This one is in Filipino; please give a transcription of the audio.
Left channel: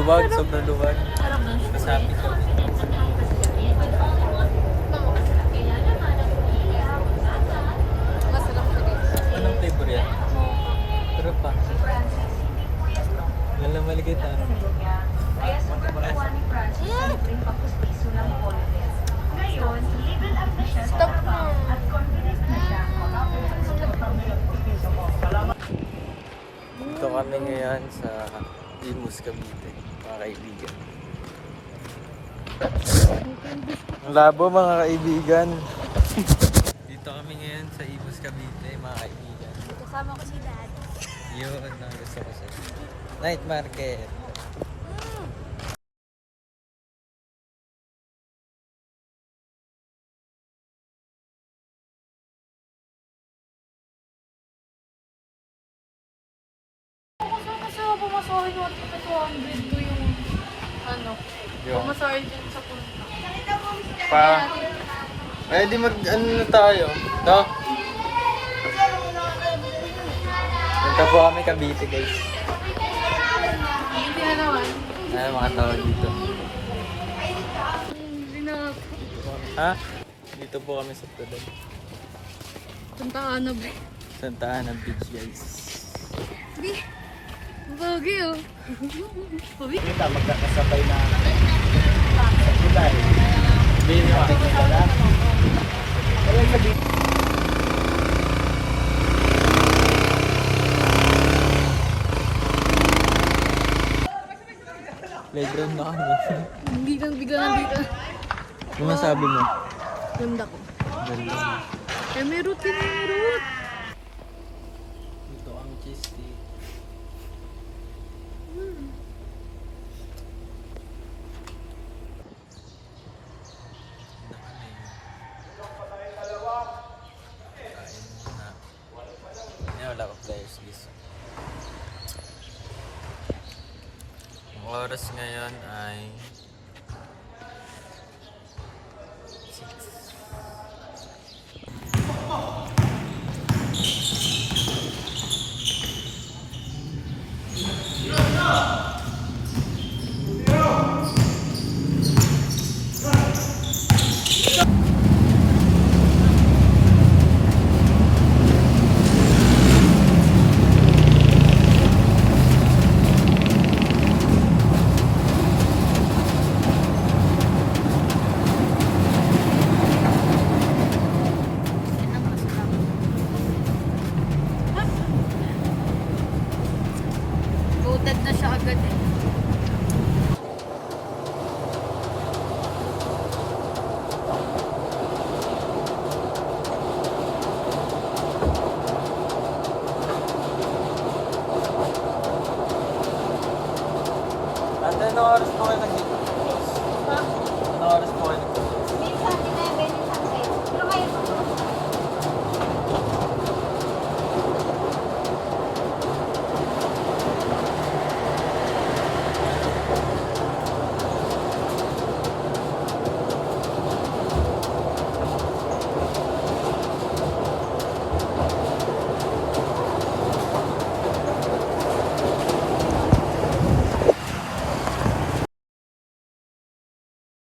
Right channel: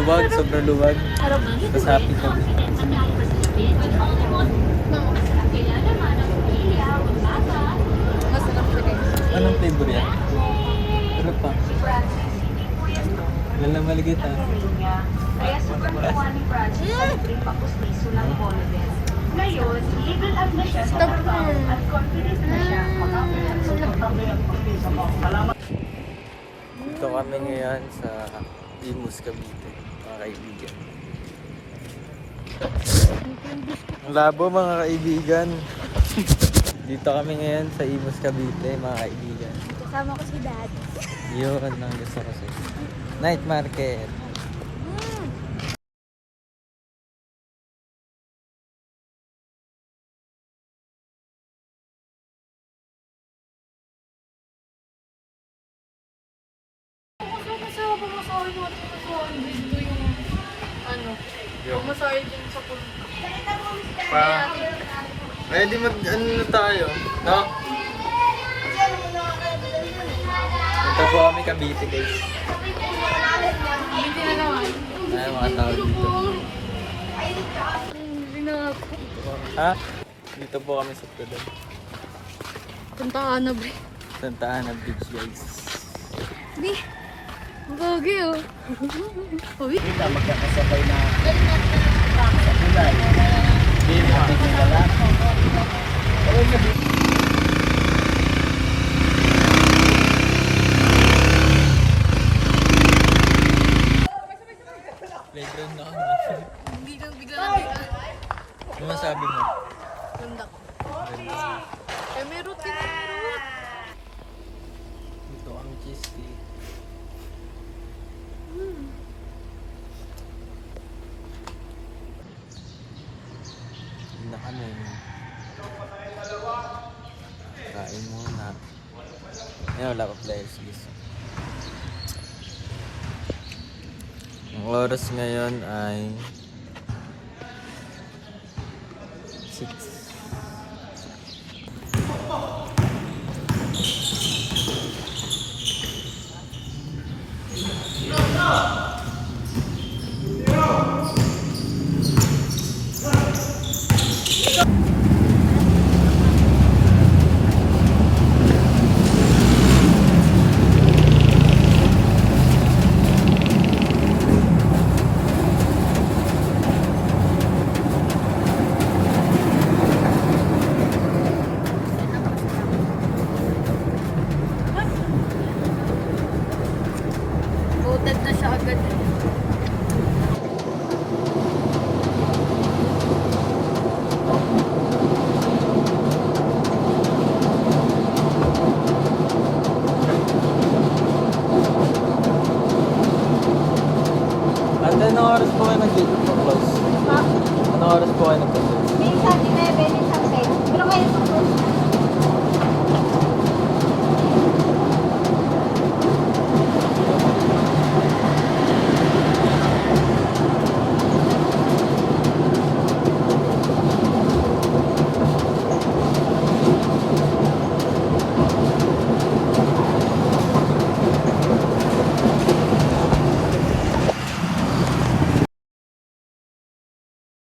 luwag, sobrang luwag. Harap na. Masapit lang. Masarap siya guys. Anong flavor yan? Pero pa. Yan lang maligit ah. Kaya super gumawa ni Francis ang trip ako sa Isulang Bolognese. Ngayon, legal up na siya sa Stop trabaho mo. at confident na siya Dito kami ngayon sa Imus, Cavite, mga kaibigan. Ang labo mga kaibigan. Dito kami ngayon sa Imus, Cavite, mga kaibigan. Kasama ko si Dad. Yun, ang gusto ko siya. Night market. Kasi pamasahe natin na 200 ko yung ano. Yung Pamasahe dyan sa punta. pa. Ready mag ano na tayo? No? Punta po kami Cavite guys. Hindi na naman. Ay, mga tao dito. Hindi na ako. Ha? Dito po kami sa Tudan. Punta ka na, bre. Santa Ana Beach guys. Hindi. Ang bagay, oh. Uy. Kita magkakasabay na sa ulan. Bili pa. Playground na kami. Hindi lang, bigla nandito. Ano masabi mo? Ganda ko. Ganda. Eh, may root din, may root. Dito kami cheese tea. Ganda kami. Kain muna. Ngayon wala pa players guys. Ang oras ngayon ay 6. Voted na siya agad, eh. Ate, anong oras po kayo nag-close? Anong oras po kayo nag-close? Minsan, 11 sa 6. Pero kaya pa